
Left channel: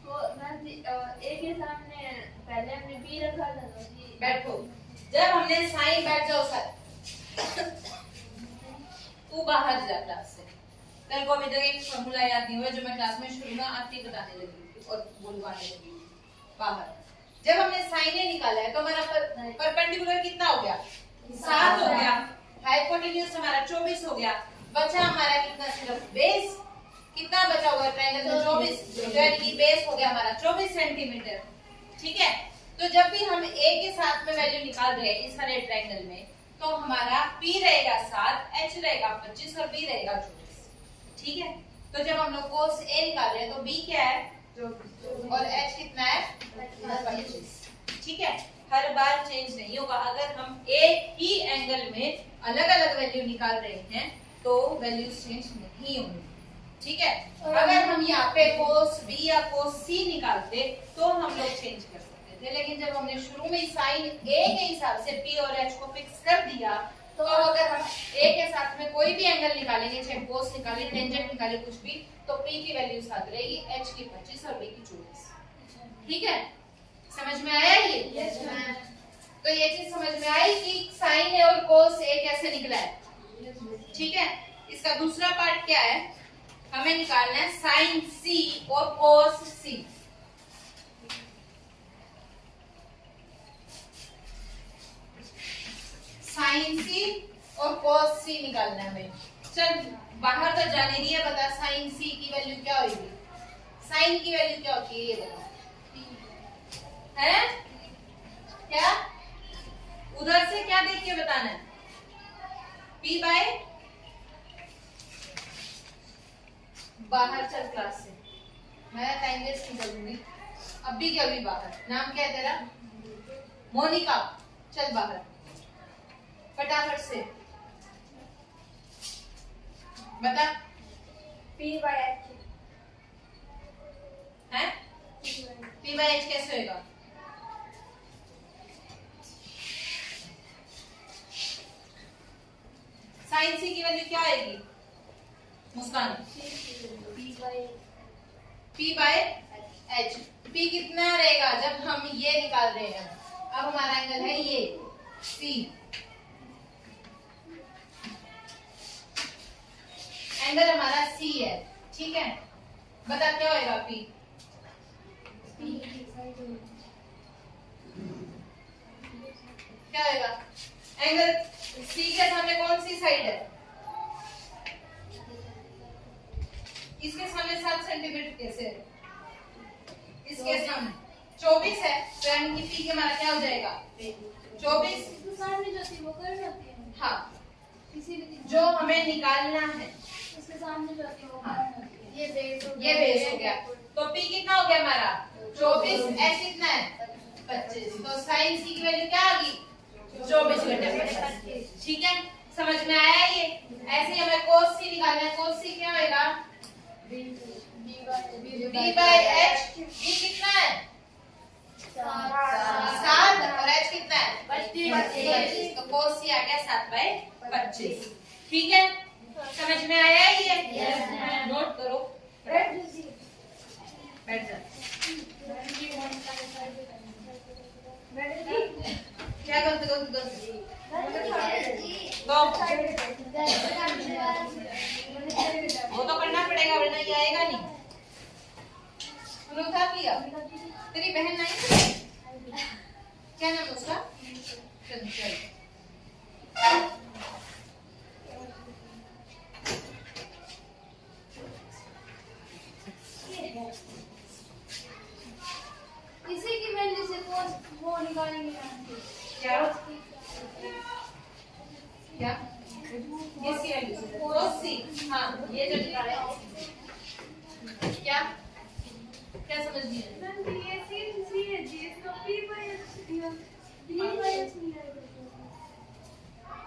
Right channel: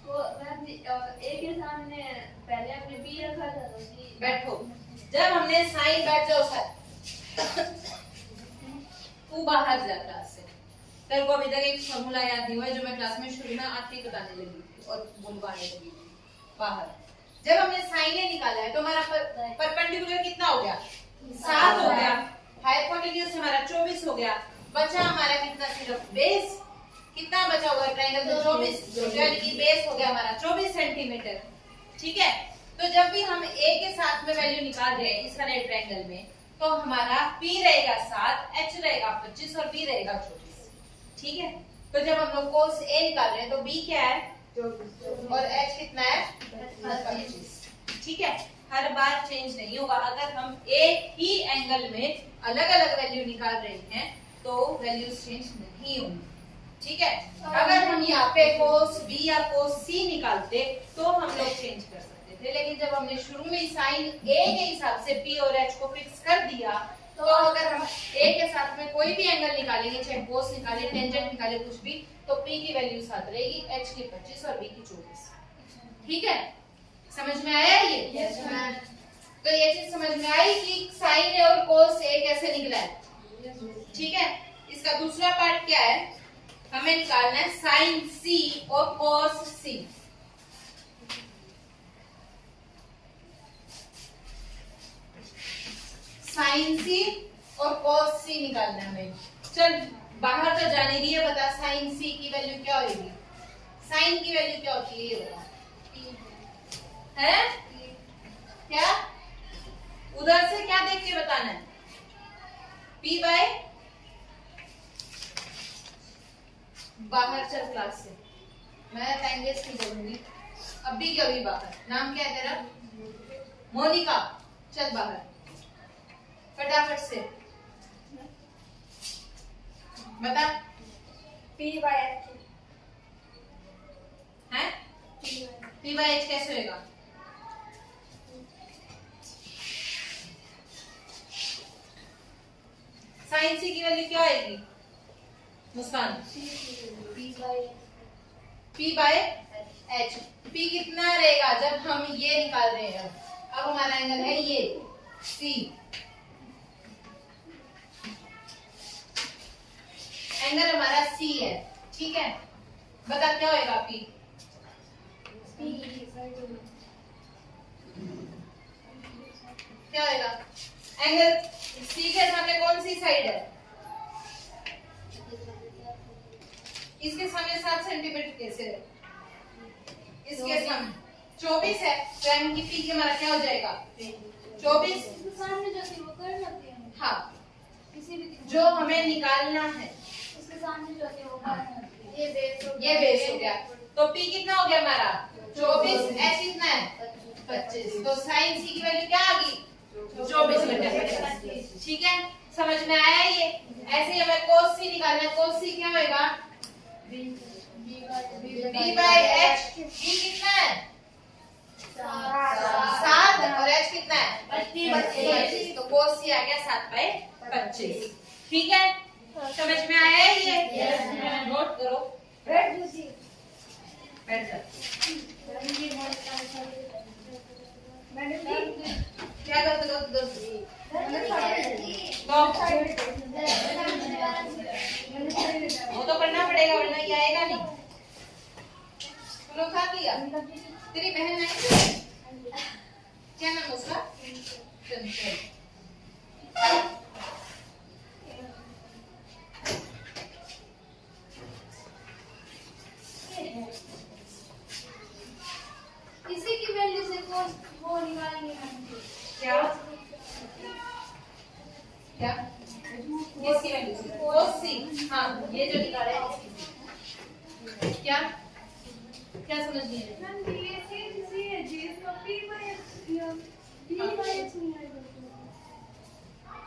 तो मैम ए के सामने पहले हमने बी रखा था, तो बी। बैठो, जब हमने साइन, बैठ जाओ सर। तू बाहर जा क्लास से। तेरे को अभी तक एक फॉर्मूला याद नहीं हुआ जो मैं क्लास में शुरू में आते ही बताने लगी थी और बुलवाने लगी थी। बाहर जब हमने साइन ए निकाला है तो हमारा परपेंडिकुलर कितना हो गया? 7 हो गया। हाइपोटेन्यूज हमारा 24 हो गया। बचा हमारा कितना? सिर्फ बेस। कितना बचा होगा ट्रायंगल में? 24, यानी कि बेस हो गया हमारा 24 सेंटीमीटर। ठीक है, तो जब भी हम ए के साथ में वैल्यू निकाल रहे हैं इस वाले ट्रायंगल में, तो हमारा P रहेगा 7, H रहेगा 25 और B रहेगा 24। ठीक है, तो जब हम लोग कोस A निकाल रहे हैं तो B क्या है? 24 और H कितना है? 25। ठीक है, हर बार चेंज नहीं होगा। अगर हम एक ही एंगल में अलग अलग वैल्यू निकाल रहे हैं तो वैल्यूज चेंज नहीं होंगी। ठीक है, अगर हम यहाँ पे कोस B या कोस C निकालते तो हम लोग चेंज कर सकते थे, लेकिन जब हमने शुरू में साइन A के हिसाब से P और H को फिक्स कर दिया, तो अगर हम A के साथ में कोई भी एंगल निकालेंगे, चाहे कोस निकाले, टेंजेंट निकाले, कुछ भी, तो P की वैल्यू 7 रहेगी, H की 25 और B की 24। ठीक है, समझ में आया ये? Yes ma'am. तो ये चीज समझ में आई कि साइन A और कोस A कैसे निकला है। ठीक है, इसका दूसरा पार्ट क्या है? हमें निकालना है साइन C और कोस C। साइन C और कोस C निकालना है हमें। चल बाहर तो जाने दिए, बता साइन C की वैल्यू क्या होगी? साइन की वैल्यू क्या होती है ये बता। है क्या? उधर से क्या देख के बताना है? P बाय, बाहर चल क्लास से, मैं टाइम वेस्ट नहीं करूंगी। अब भी क्या हुई बाहर? नाम क्या है तेरा? मोनिका। चल बाहर फटाफट से बता। P by H है? P बाय H कैसे होगा? साइन C की वैल्यू क्या आएगी Muskan? P by H। P कितना रहेगा जब हम ये निकाल रहे हैं? अब हमारा एंगल है ये C, एंगल हमारा C है। ठीक है, बता क्या होएगा P? क्या होएगा? एंगल C के सामने कौन सी साइड है? इसके सामने 7 सेंटीमीटर कैसे है? इसके सामने 24 है, तो यानी कि पी के हमारा क्या हो जाएगा 24। सामने जो थी वो कर जाती है। हाँ, किसी भी जो हमें निकालना है उसके सामने जो थी वो कर जाती है। ये बेस हो गया। तो पी कितना हो गया हमारा 24, एच कितना है 25। तो साइन सी की वैल्यू क्या आ गई 24/25। ठीक है, समझ में आया ये। ऐसे ही हमें cos c निकालना है। cos c क्या होएगा b by h। b कितना है 7 और h कितना है 25। तो cos c आ गया 7/25। ठीक है, समझ में आया ये। नोट करो, बैठ जा। क्या करते हो वो तो करना पड़ेगा वरना ये आएगा नहीं। खा लिया। तेरी बहन आई थी? क्या नाम उसका? चंचल। इसी की वैल्यू से कौन वो निकालेंगे क्या क्या इसकी वैल्यू से cos c। हाँ, ये जो निकाला है क्या क्या समझ नहीं आया? मैम ये सी है जी इसको p by h दिया p by h नहीं आएगा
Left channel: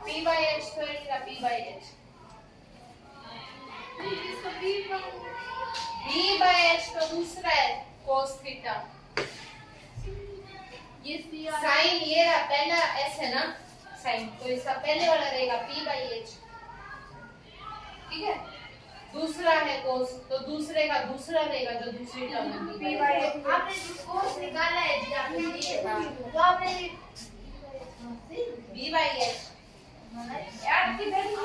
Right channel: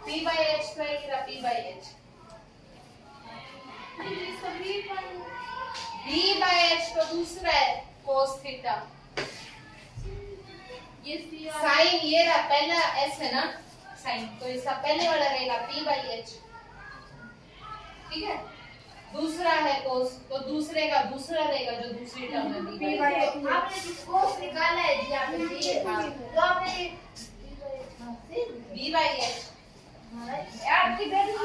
p by h स्क्वायर या p by h इसको b by h तो दूसरा है cos थीटा। ये सी साइन ये रहा पहला s है ना साइन, तो इसका पहले वाला रहेगा p by h। ठीक है, दूसरा है cos, तो दूसरे का दूसरा रहेगा जो दूसरी टर्म में b by h। आपने जो cos निकाला है जी आपने ये तो आपने b by h आपकी वैल्यू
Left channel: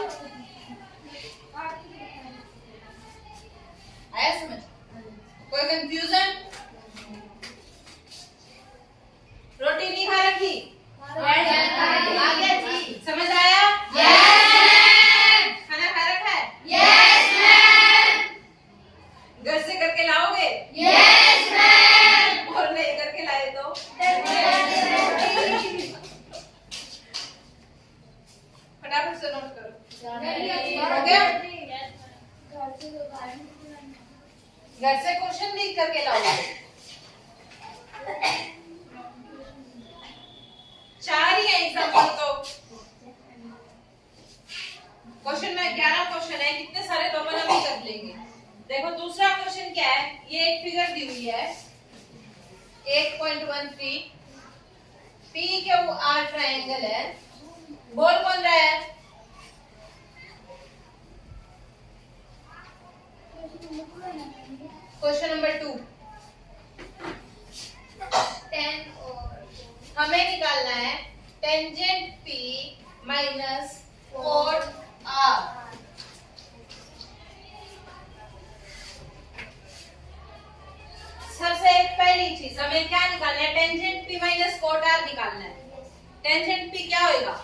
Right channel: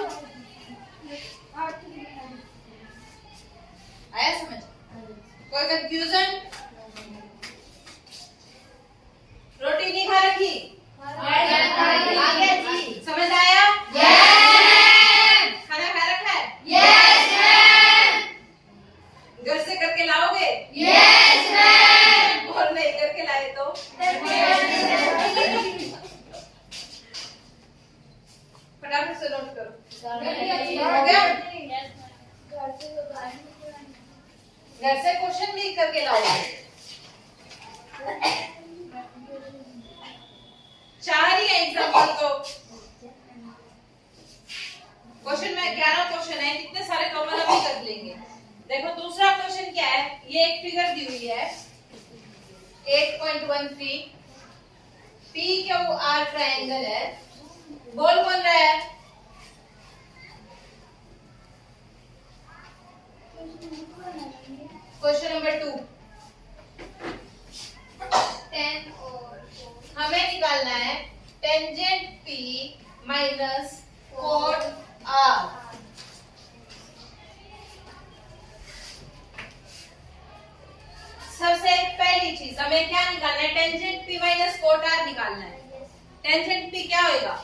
आया समझ? कोई कंफ्यूजन? रोटी नहीं खा रखी? आ गया जी, समझ आया? खाना खा रखा है? घर से करके लाओगे? और नहीं करके लाए तो फटाफट से नोट करो। हो गया? घर से क्वेश्चन लिख करके लाओगे। 4 ही है एग्जाम्पल तो। क्वेश्चन में 11 क्वेश्चन है, कितने सारे तो अपन अभी कर लेंगे। देखो दूसरा क्वेश्चन क्या है, ये एक फिगर दी हुई है 8.13 PQR ट्रायंगल है। बोल कौन रहा है? Question number 2। 10 और हमें निकालना है tangent P minus cot R। सबसे पहली चीज हमें क्या निकालना है, tangent P minus cot R निकालना है। टेंजेंट P क्या होएगा?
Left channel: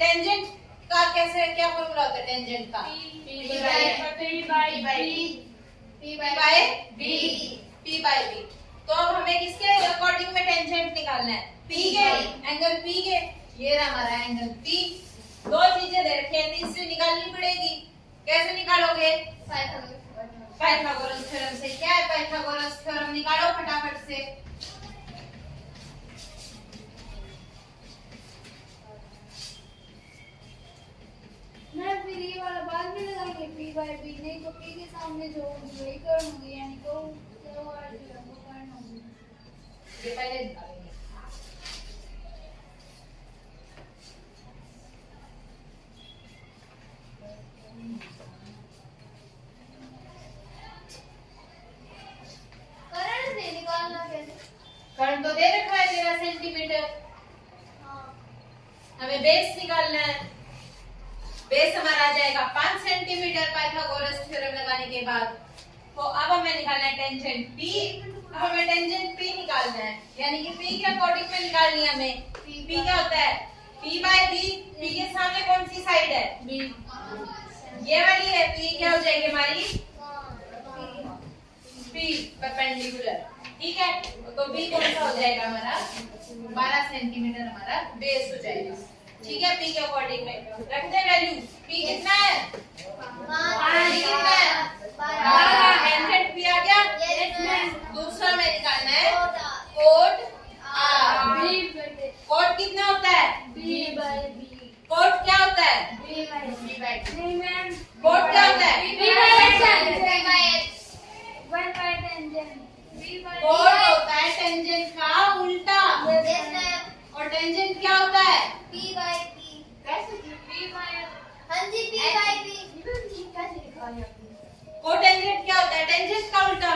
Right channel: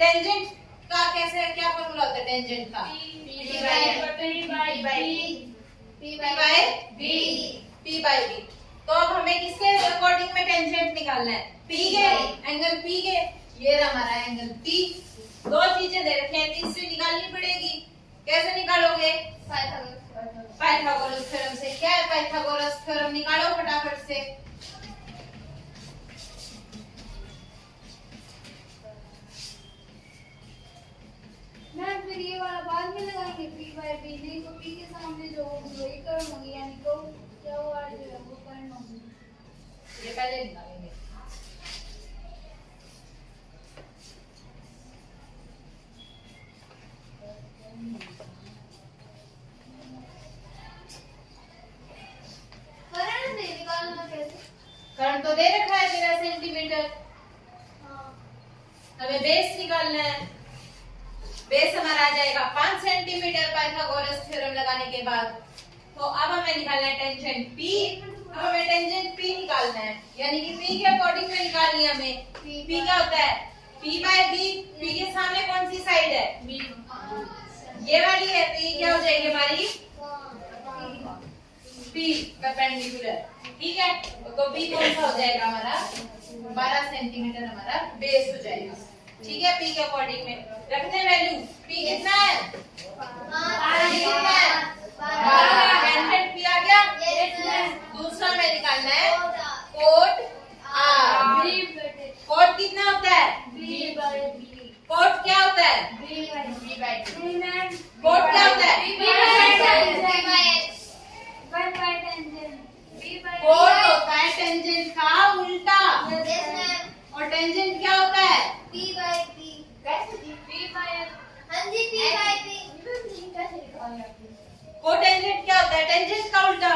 टेंजेंट का कैसे क्या फॉर्मूला होता है टेंजेंट का? P by B। तो अब हमें किसके अकॉर्डिंग में टेंजेंट निकालना है? P के, एंगल P के। ये रहा हमारा एंगल P। दो चीजें दे रखी हैं, तीसरी निकालनी पड़ेगी। कैसे निकालोगे? पाइथागोरस थ्योरम से। क्या है पाइथागोरस थ्योरम? निकालो फटाफट से। मैं फिर ये वाला बाद में लगाएंगे p by b, नहीं तो p के सामने जो वही करना होगी यानी तो क्या वो आ जाएगा वो करना होगी। ये पहले निकालेंगे। करंट से निकालना कैसे? करंट तो दे रखा है 13 सेंटीमीटर। हाँ हमें बेस निकालना है। बेस हमारा आ जाएगा 5 सेंटीमीटर पाइथागोरस थ्योरम लगाने के बाद। तो अब हमें निकालना है टेंजेंट P। अब हमें टेंजेंट P निकालना है, यानी कि P के अकॉर्डिंग में निकालनी है हमें। P क्या होता है? P by B। P के सामने कौन सी साइड है? B। ये वाली है, तो ये क्या हो जाएगी हमारी? P perpendicular. ठीक है, तो बी कौन सा हो जाएगा हमारा 12 सेंटीमीटर हमारा बेस हो जाएगा। ठीक है, पी के अकॉर्डिंग में रखते हैं वैल्यू। पी कितना है? 5 कितना है? 12। टेंजेंट पी आ गया। दूसरा में निकालना है कोट आर। कोट कितना होता है? कोट क्या होता है? कोट क्या होता है? कोट होता है टेंजेंट का उल्टा। और टेंजेंट क्या होता है? कोटेंजेंट क्या होता है? टेंजेंट का उल्टा।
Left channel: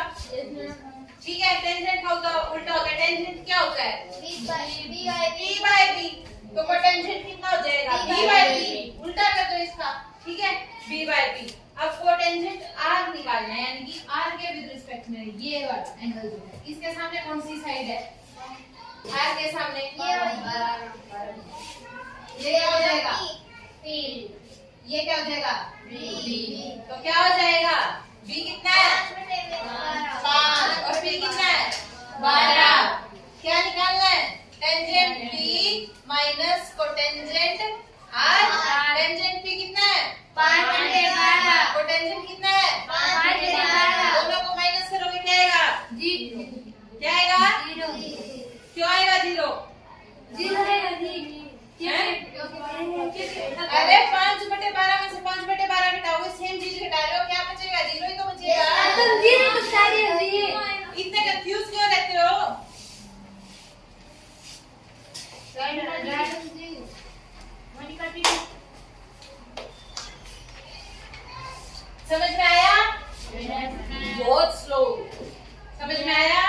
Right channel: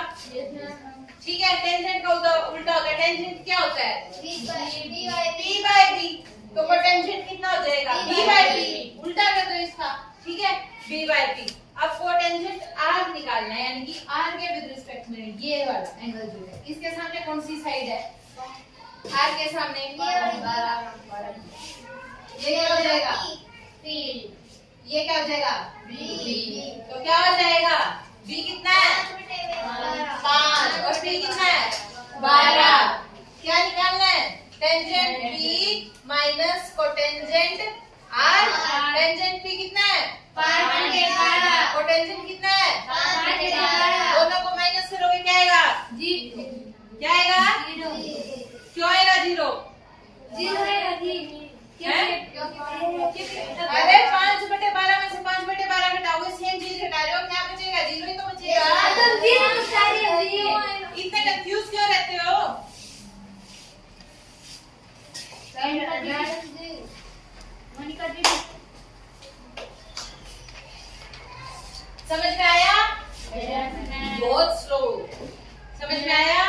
ठीक है, टेंजेंट का उल्टा होता है। टेंजेंट क्या होता है? P by B। तो कोटेंजेंट कितना हो जाएगा? B by B। उल्टा कर दो इसका। ठीक है, B by B। अब कोटेंजेंट R निकालना है, यानी कि R के विद रिस्पेक्ट में ये वाला एंगल जो है, इसके सामने कौन सी साइड है? R के सामने ये क्या हो जाएगा? ये क्या हो जाएगा? B। तो क्या हो जाएगा? B कितना है? 5। और P कितना है? 12। क्या निकालना है? Tangent B minus cotangent R। Tangent P कितना है? 5 कोटेंजेंट कितना है? 5 दोनों को माइनस करोगे क्या आएगा? क्या आएगा? क्यों आएगा 0? अरे 5/12 में से 5/12 घटाओगे, सेम चीज घटा रहे हो, क्या बचेगा? 0 ही तो बचेगा। इतने कंफ्यूज क्यों रहते हो? समझ में आया? बहुत स्लो। समझ में आया?